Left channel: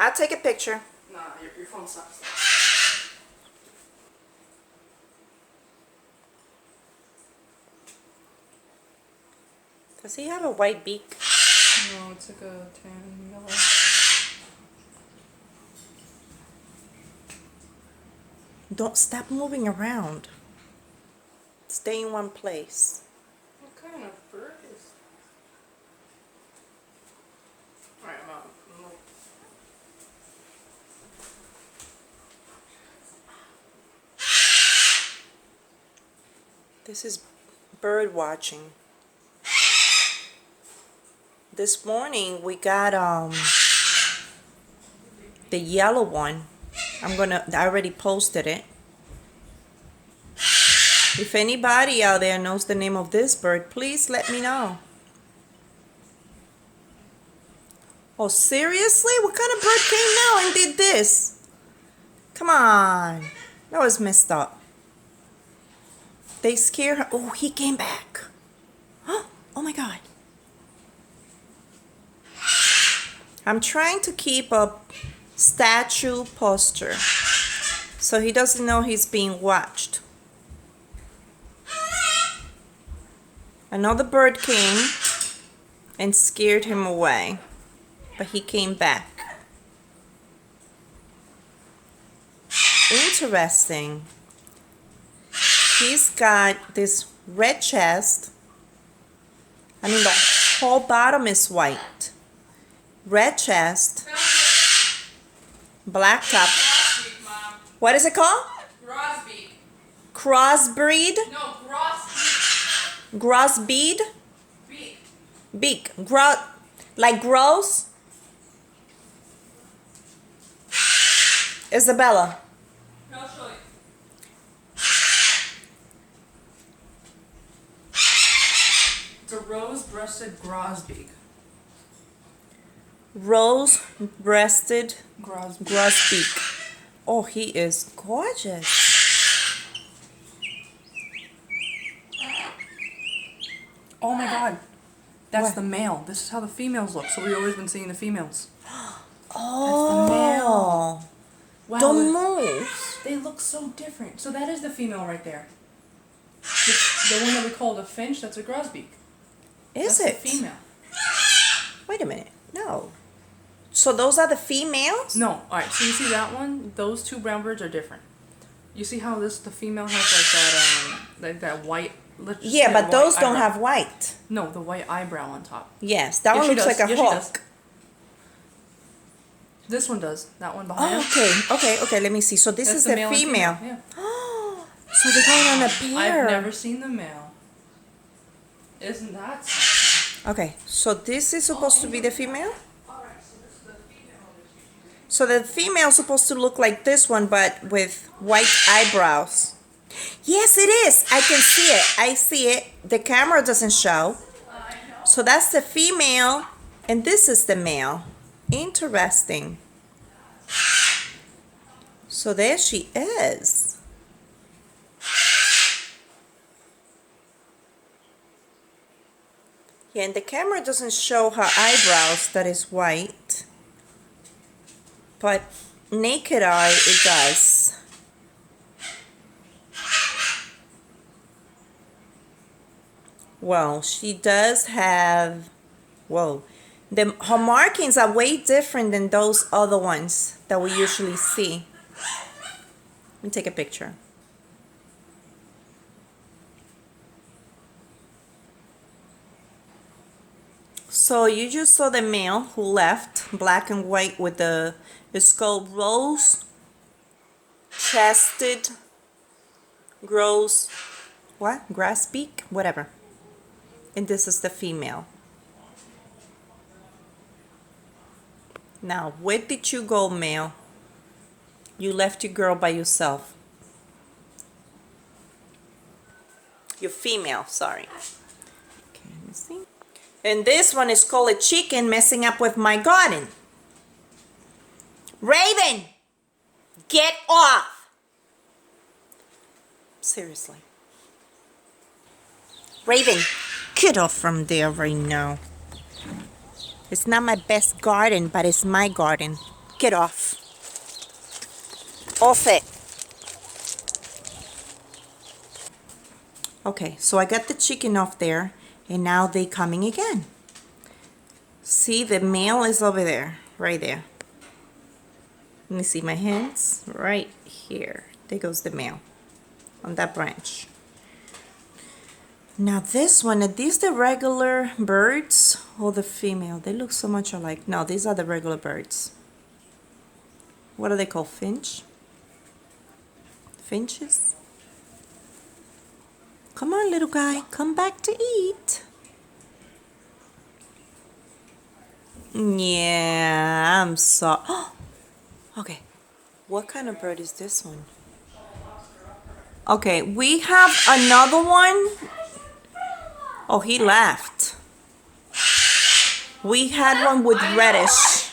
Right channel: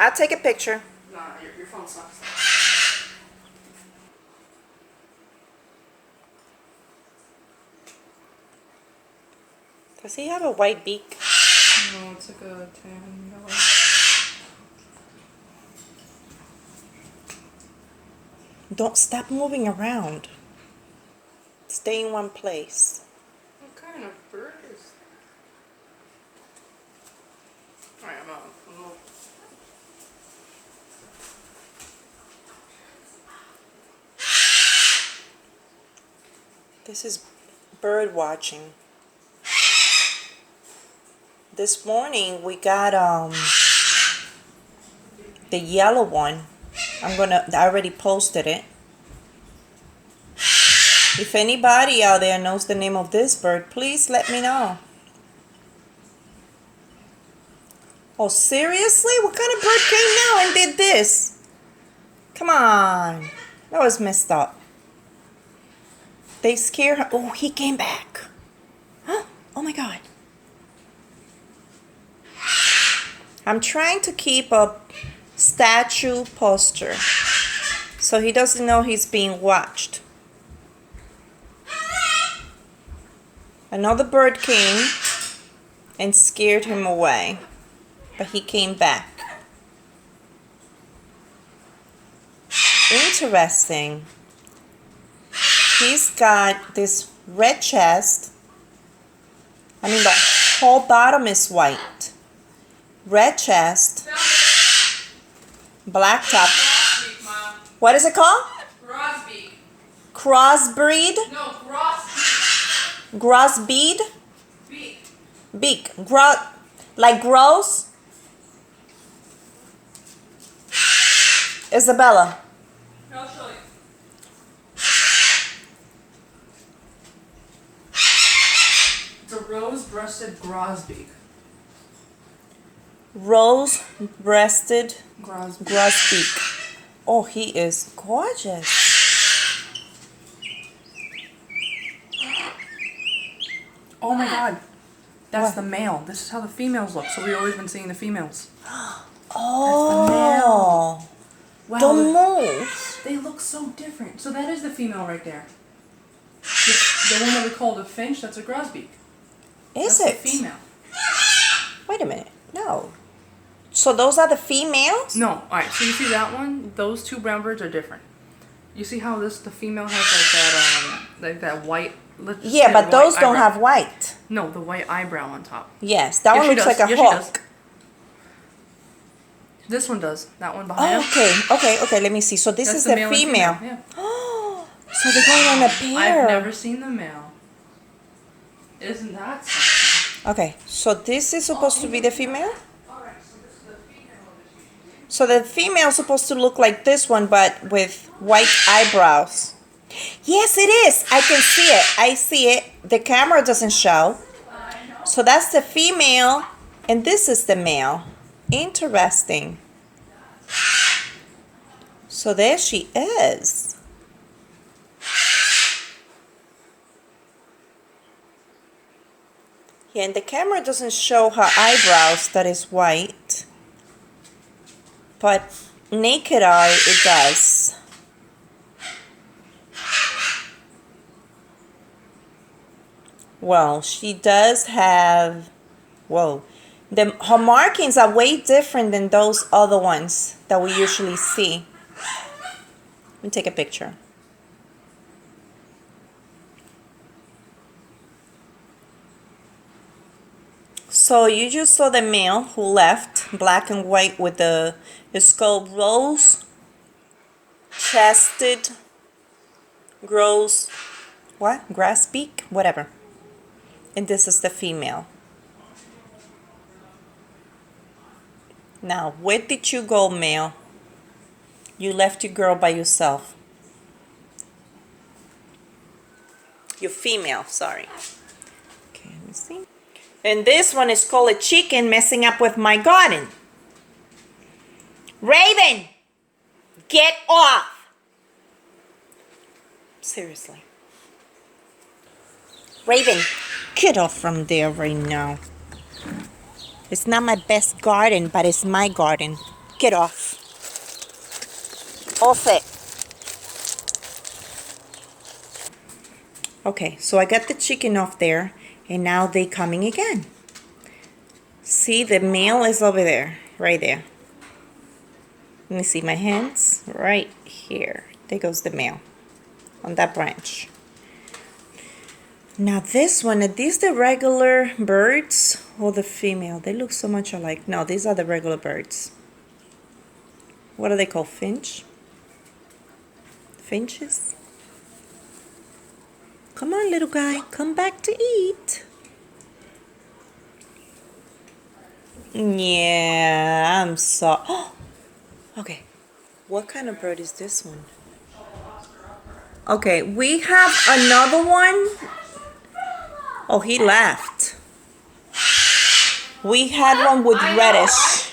I'll take a picture. Nah, your phone sucks. Does he have a white beak? No, it's like a tan yellow. Don't stop moving around. Stay in one place. What kind of bird is that? Alright, I'm out. This is bird watching. This morning we got the yellow one. I already posted it. If anybody out there knows the name of this bird, please let me know. Oh, seriously? What kind of bird came now and did this? Come on. That was messed up. They scared her. Oh, he came back. Huh? Oh my God. I'm trying to keep a statue posture so he doesn't know he's being watched. Another bird came and scared him away, but he came back. Interesting. He's got this red chest. I mean, the whole bottom is white. Red chest. Black top. Grosbeak, Mom. What is it called? Grosbeak. Crossbreed? No, grosbeak. Grosbeak? Beak. Beak. Like gross? Isabella. I'll show you. It's a rose-breasted grosbeak. Rose-breasted Grosbeak. Grosbeak. Oh, he is gorgeous. Oh my God. That's What? the male. This is how the females look. So we've always been seeing the females. Oh. Wow. Don't move. They look so different. So that is the female right there. The one that we call the finch, that's a grosbeak. Is That's it? the female. Wait a minute. No. So those are the females? No. Alright, so you see that one? Those two brown birds are different. You see how the female has like that white... Yeah, but those don't have white. No, the white eyebrow on top. Yes, that one looks like a She hawk. does. This one does. That one behind Oh, him. okay. Let me see. So this That's is the the male and female. Yeah. So they're going on a pair. I've never seen the male. Isn't that something? Okay, so this is supposed to be the female? Alright, so this is the female. So the female is supposed to look like this one, but with white eyebrows. Yes, it is. I can see it. I see it. The camera doesn't show. So that's the female, and this is the male. Interesting. So there she is. Yeah, and the camera doesn't show her eyebrows that is white. But naked eye, it does. Well, she does have, whoa. Her markings are way different than those other ones that we usually see. Let me take a picture. So you just saw the male who left, black and white with the skull rose-chested, grosbeak, whatever. And this is the female. Now, where did you go, male? You left your girl by yourself. Your female, sorry. Okay, let me see. And this one is called a chicken messing up with my garden. Raven, get off. Seriously. Raven, get off from there right now. It's not my best garden, but it's my garden. Get off. Off it. Okay, so I got the chicken off there, and now they coming again. See, the male is over there, right there. Let me see my hands, right here. There goes the male on that branch. Now this one, are these the regular birds or the female? They look so much alike. No, these are the regular birds. What are they called? Finch? Finches? Come on, little guy, come back to eat. Yeah, I'm so. Okay, what kind of bird is this one? Okay, we have another one. Oh, he left. We had one with reddish.